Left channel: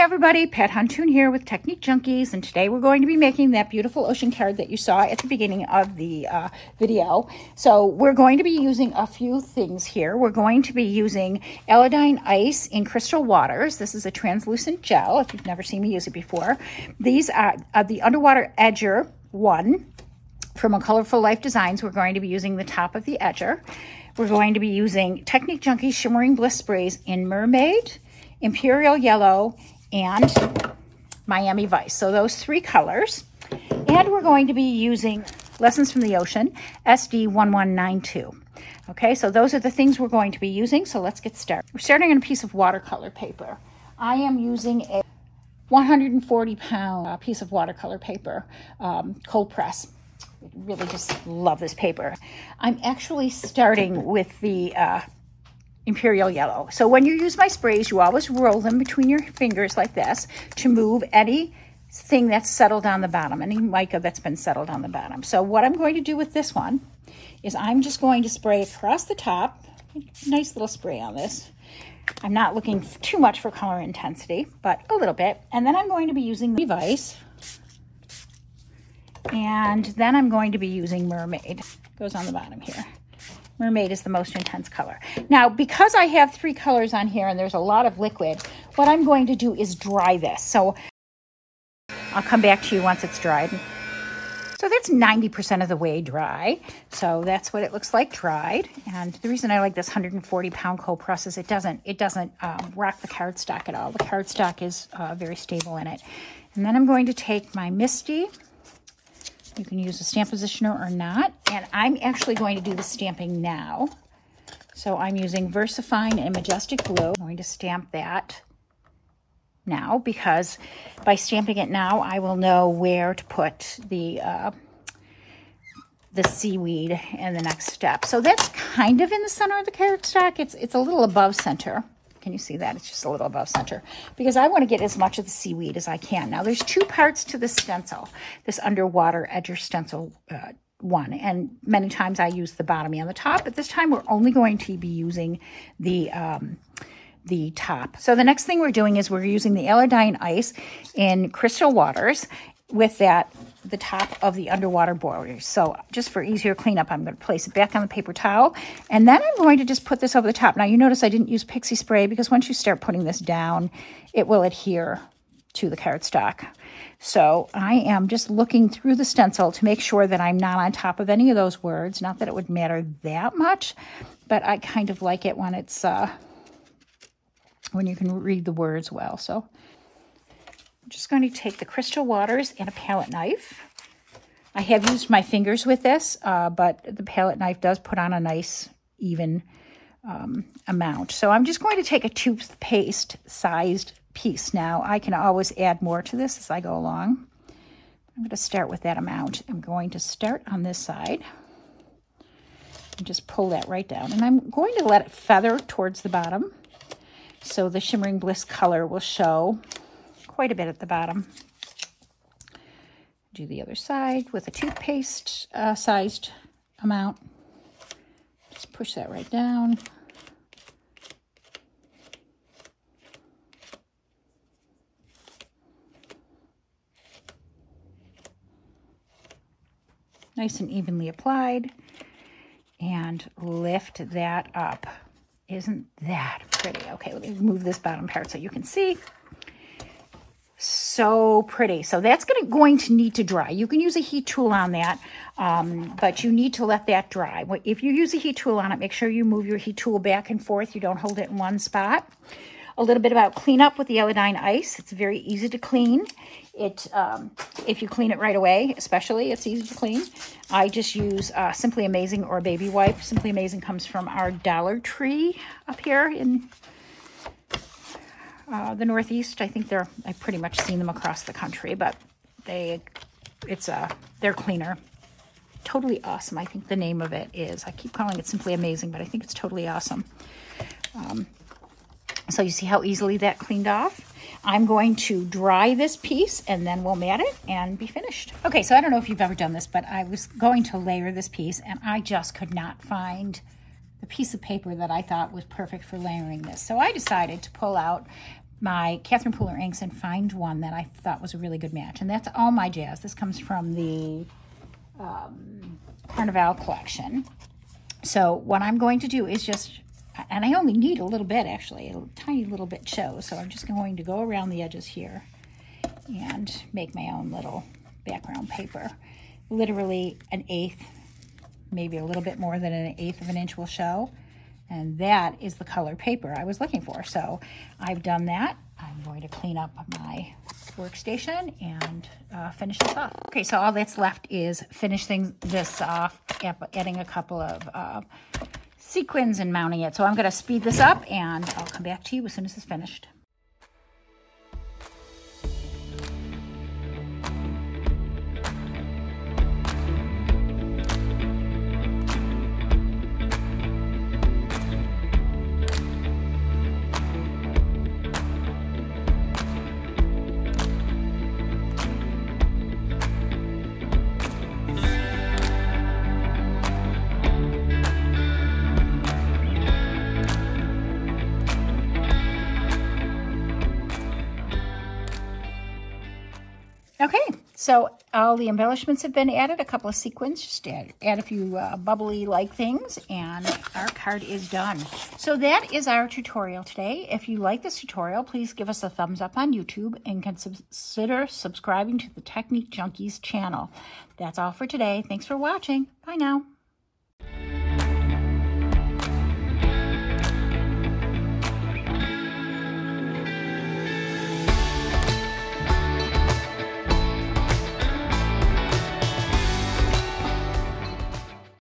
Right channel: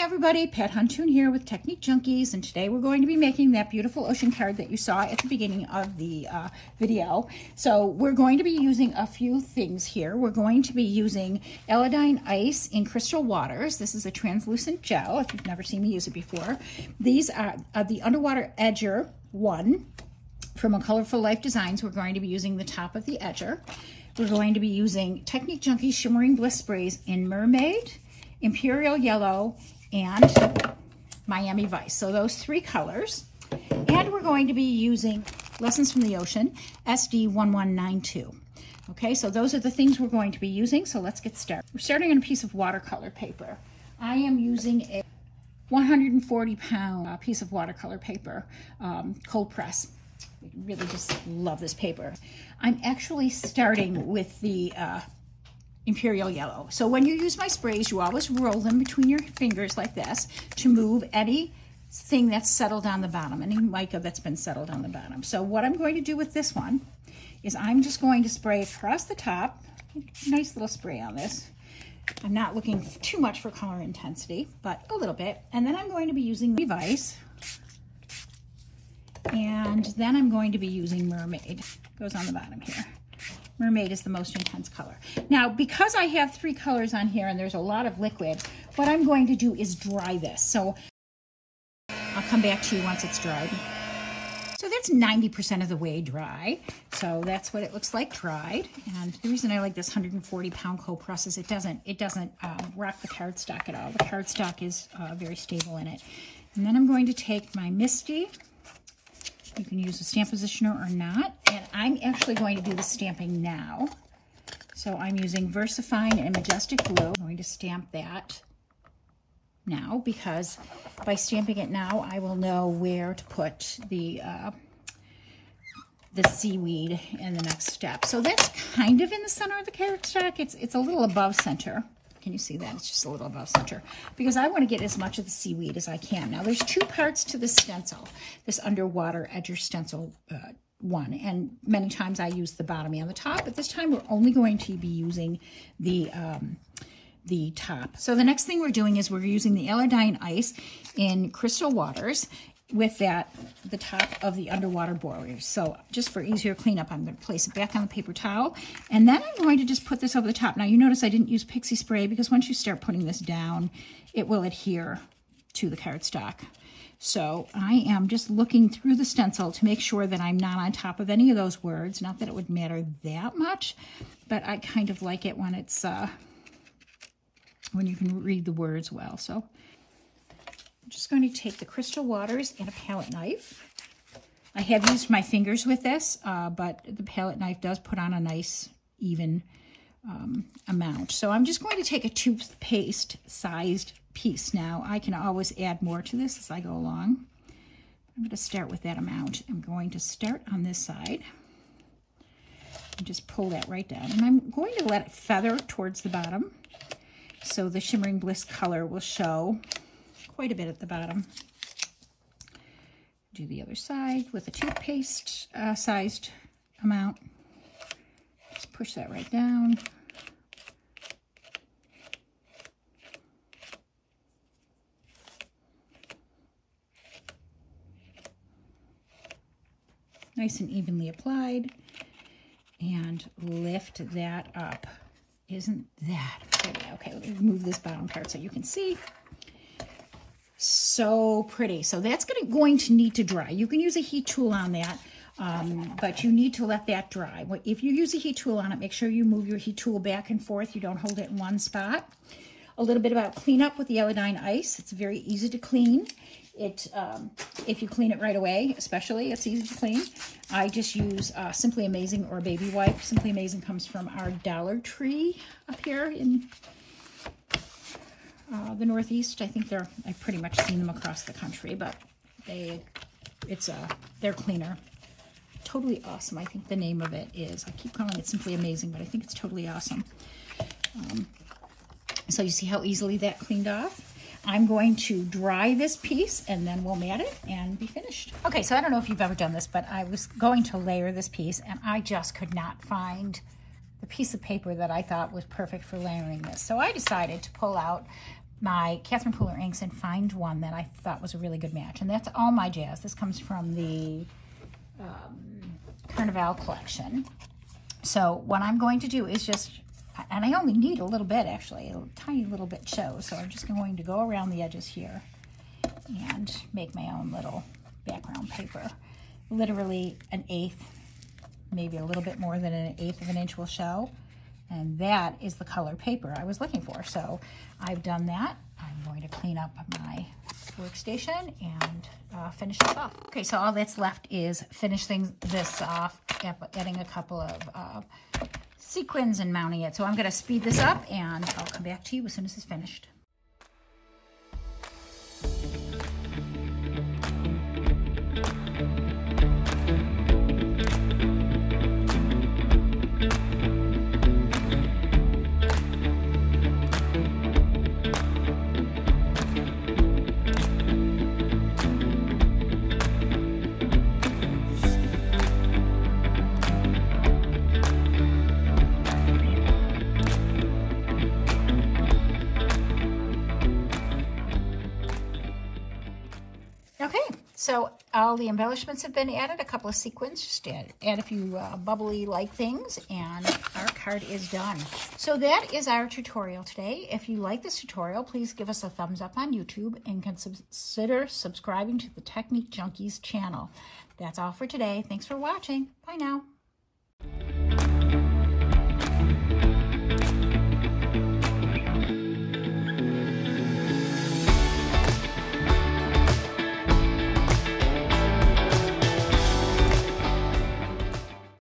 everybody, Pat Huntoon here with Technique Junkies, and today we're going to be making that beautiful ocean card that you saw at the beginning of the video. So we're going to be using a few things here. We're going to be using Aladine Ice in crystal waters. This is a translucent gel, if you've never seen me use it before. These are the Underwater Edger one from A Colorful Life Designs. We're going to be using the top of the edger. We're going to be using Technique Junkies Shimmering Bliss Sprays in Mermaid, Imperial Yellow, and Miami Vice. So those three colors. And we're going to be using Lessons from the Ocean, SD1192. Okay, so those are the things we're going to be using. So let's get started. We're starting on a piece of watercolor paper. I am using a 140-pound piece of watercolor paper, cold press. I really just love this paper. I'm actually starting with the Imperial Yellow. So when you use my sprays, you always roll them between your fingers like this to move anything that's settled on the bottom, any mica that's been settled on the bottom. So what I'm going to do with this one is I'm just going to spray across the top. Nice little spray on this. I'm not looking too much for color intensity, but a little bit. And then I'm going to be using the Vice. And then I'm going to be using Mermaid. Goes on the bottom here. Mermaid is the most intense color. Now, because I have three colors on here and there's a lot of liquid, what I'm going to do is dry this. So I'll come back to you once it's dried. So that's 90% of the way dry. So that's what it looks like dried. And the reason I like this 140-pound cold press is it doesn't rock the cardstock at all. The cardstock is very stable in it. And then I'm going to take my Misty. You can use a stamp positioner or not. And I'm actually going to do the stamping now. So I'm using VersaFine and Majestic Blue. I'm going to stamp that now because by stamping it now, I will know where to put the seaweed in the next step. So that's kind of in the center of the cardstock. It's a little above center. Can you see that? It's just a little above center because I want to get as much of the seaweed as I can. Now, there's two parts to this stencil, this Underwater Edger Stencil one, and many times I use the bottom and the top, but this time we're only going to be using the top. So the next thing we're doing is we're using the Aladine Ice in crystal waters with the top of the underwater borders. So just for easier cleanup, I'm going to place it back on the paper towel. And then I'm going to just put this over the top. Now you notice I didn't use pixie spray because once you start putting this down, it will adhere to the cardstock. So I am just looking through the stencil to make sure that I'm not on top of any of those words. Not that it would matter that much, but I kind of like it when it's, when you can read the words well. So I'm just going to take the crystal waters and a palette knife. I have used my fingers with this, but the palette knife does put on a nice, even amount. So I'm just going to take a toothpaste-sized piece. Now, I can always add more to this as I go along. I'm going to start with that amount. I'm going to start on this side and just pull that right down. And I'm going to let it feather towards the bottom so the Shimmering Bliss color will show quite a bit at the bottom. Do the other side with a toothpaste sized amount. Just push that right down. Nice and evenly applied. And lift that up. Isn't that pretty? Okay, let me move this bottom part so you can see. So pretty. So that's going to need to dry. You can use a heat tool on that, but you need to let that dry. If you use a heat tool on it, make sure you move your heat tool back and forth. You don't hold it in one spot. A little bit about cleanup with the Aladine Ice. It's very easy to clean. If you clean it right away, especially, it's easy to clean. I just use Simply Amazing or Baby Wipe. Simply Amazing comes from our Dollar Tree up here in the Northeast. I think I've pretty much seen them across the country, but they're cleaner. Totally Awesome, I think the name of it is. I keep calling it Simply Amazing, but I think it's Totally Awesome. So you see how easily that cleaned off? I'm going to dry this piece and then we'll mat it and be finished. Okay, so I don't know if you've ever done this, but I was going to layer this piece and I just could not find the piece of paper that I thought was perfect for layering this. So I decided to pull out my Catherine Pooler inks and find one that I thought was a really good match. And that's All My Jazz. This comes from the Carnival collection. So what I'm going to do is just, and I only need a little bit actually, a tiny little bit shows. So I'm just going to go around the edges here and make my own little background paper. Literally 1/8, maybe a little bit more than 1/8 of an inch will show. And that is the color paper I was looking for. So I've done that. I'm going to clean up my workstation and finish this off. Okay, so all that's left is finishing this off, adding a couple of sequins and mounting it. So I'm gonna speed this up and I'll come back to you as soon as it's finished. So all the embellishments have been added, a couple of sequins, just add a few bubbly-like things, and our card is done. So that is our tutorial today. If you like this tutorial, please give us a thumbs up on YouTube and consider subscribing to the Technique Junkies channel. That's all for today. Thanks for watching. Bye now.